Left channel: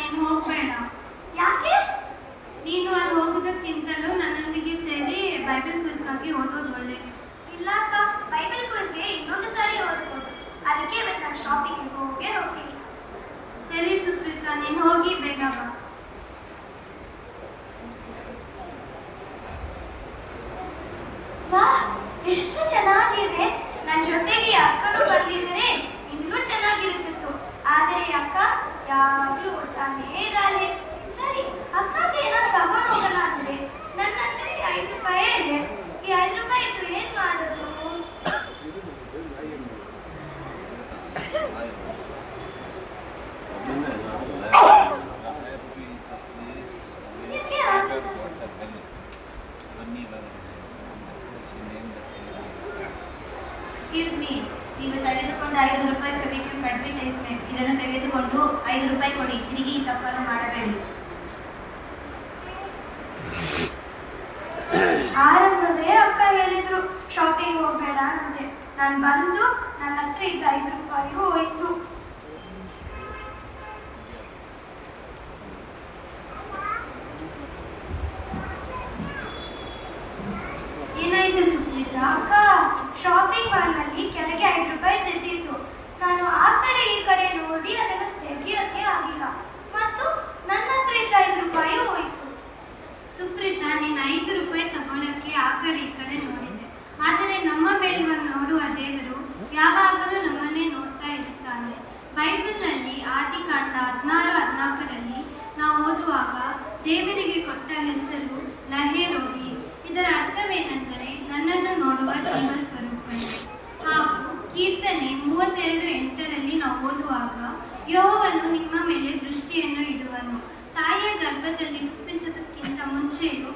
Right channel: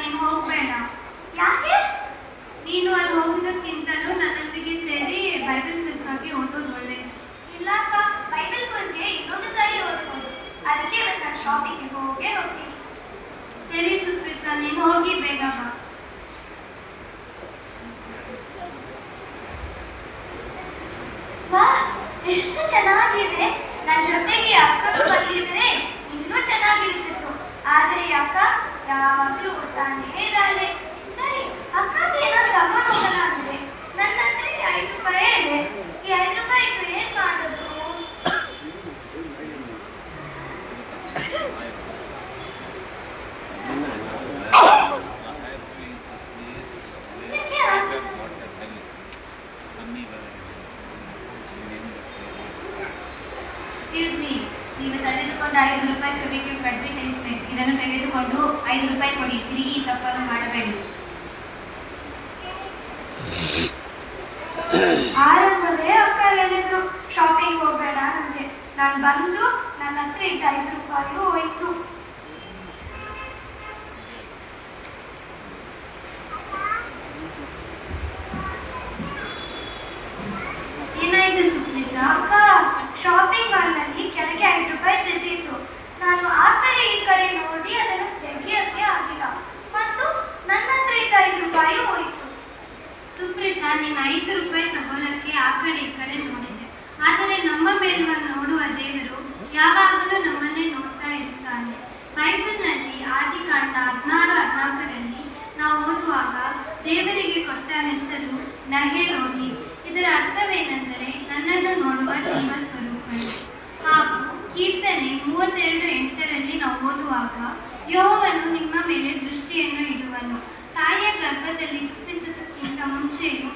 ನೀನು ಹೋಗ್ಬೇಡ. ಯಾಕೆ? ನೀನು ಅಲ್ಲಿ ಹೋಗುವುದಕ್ಕಿಂತಲೂ ನನ್ನೊಂದಿಗೆ ಸೇರಿ ಬೈಬಲ್ ಪುಸ್ತಕಕ್ಕೆ ಓದೋದು ಒಳ್ಳೆಯದು. ಇಲ್ಲ ಅಕ್ಕ, ಬೈಬಲ್ ಕೋರ್ಸ್ಗೆ ಇನ್ನೊಂದು ಸಾರಿ ಓದ್ಬೋದು. ಅದಕ್ಕೆ ನಾನು ಶಾಪಿಂಗ್ ಹೋಗೇ ಹೋಗ್ತೀನಿ. ಸರಿ ಸುಪ್ರೀತಾ, ನೀನು ಹೋಗಿ ಬೇಗ ಬಾ. ವಾ, ಎಷ್ಟು ಚೆನ್ನಾಗಿದೆ. ನನ್ನ ಜೊತೆಗೆ ಅಕ್ಕನೂ ಬಂದಿದ್ರೆ ಇನ್ನೂ ಚೆನ್ನಾಗಿರ್ತಿತ್ತು. ಆದರೆ ಅಕ್ಕ ಯಾವಾಗಲೂ ಓದ್ತಾನೇ ಇದ್ದಾಳೆ. ಸರಿ, ಅಕ್ಕಗೆ ಏನಾದ್ರು ತಗೊಂಡು ಹೋಗೋಣ ಅಂದ್ರೆ ನನ್ನ ಹತ್ರ 5 ರೂಪಾಯಿ ಇದೆ. ಈ 5 ರೂಪಾಯಿ ಇಟ್ಟು ಏನ್ ಮಾಡೋದು? ಎಕ್ಸ್ಕ್ಯೂಸ್ ಮೀ, ನೀವು ತೆಗೆದುಕೊಂಡು 5 ರೂಪಾಯಿ ಫೆವಿಕ್ವಿಕ್ ಅಡ್ವರ್ಟೈಸ್ಮೆಂಟ್, ಇದನ್ನು ತೆಗೆದುಕೊಂಡು 5 ರೂಪಾಯಿ ಕೊಡಿ. ತಿರುಗಿ ಈ ತಪ್ಪನ್ನು ಮಾಡಬೇಡಿ. ಆರಂಭವೇ ಅಕ್ಕ ಹೇಳಿದ್ರು ಶಾಪಿಂಗ್ ಹೋಗ್ಬೇಡ ನನಗೆ. ನಾನು ಬಂದು ನನ್ನ ಹತ್ರ ಈಗ 5 ರೂಪಾಯಿಗೂ ಹೋಯ್ತು. ಏನಾಯ್ತು ಸುಪ್ರೀತಾ? ಅಕ್ಕ, ಶಾಪಿಂಗ್ ಮಾಲ್ನಲ್ಲಿ ಕೆಳಗೆ 5 ರೂಪಾಯಿ ಬಿದ್ದಿತ್ತು. ನಾನು ಆ ಕಡೆ ಈ ಕಡೆ ನೋಡಿ ಅದನ್ನು ತೆಗಿಯೋಕ್ಕೆ ಆಗಿಲ್ಲ ಮತ್ತು ನನ್ನ ಹತ್ರ ಇದ್ದ 5 ರೂಪಾಯಿ ಹೋಯ್ತು. ಸುಪ್ರೀತಾ, ನೀನು 5 ರೂಪಾಯಿ ತಗೊಳ್ಳಕ್ಕೆ ಆ ಕಡೆ ಈ ಕಡೆ ನೋಡಿದೆ. ಆದರೆ ನಮ್ಮ ಮೇಲೆ ನೋಡುವ ದೇವರು ಯಾವಾಗಲೂ ನಮ್ಮನ್ನೇ ನೋಡ್ತಾ ಇರ್ತಾನೆ. ಬೈಬಲ್ನಲ್ಲಿ ಆದಿಕಾಂಡ 16:14ರಲ್ಲಿ ನಾವು ಓದುವಾಗ ದೇವರಿಗೆ ಕೊಟ್ಟ ಹೆಸರು ಲಹೆ-ರೋಹಿ. ಇದರ ಅರ್ಥವೇನೆಂದರೆ ನನ್ನನ್ನು ನೋಡುವ ಜೀವ ಸ್ವರೂಪನು. ಹಾಗೂ ಕೀರ್ತನೆ 32:8ರಲ್ಲಿ ನಾವು ಓದುವಾಗ ಯೆಹೋವನು ನಿಮ್ಮ ಮೇಲೆ ದೃಷ್ಟಿಯನ್ನು ಇಡುವನು. ತಾಯಿಯ ಗರ್ಭದಲ್ಲಿ ಹುಟ್ಟಿಸುವುದಕ್ಕಿಂತ ಮುಂಚೆಯೂ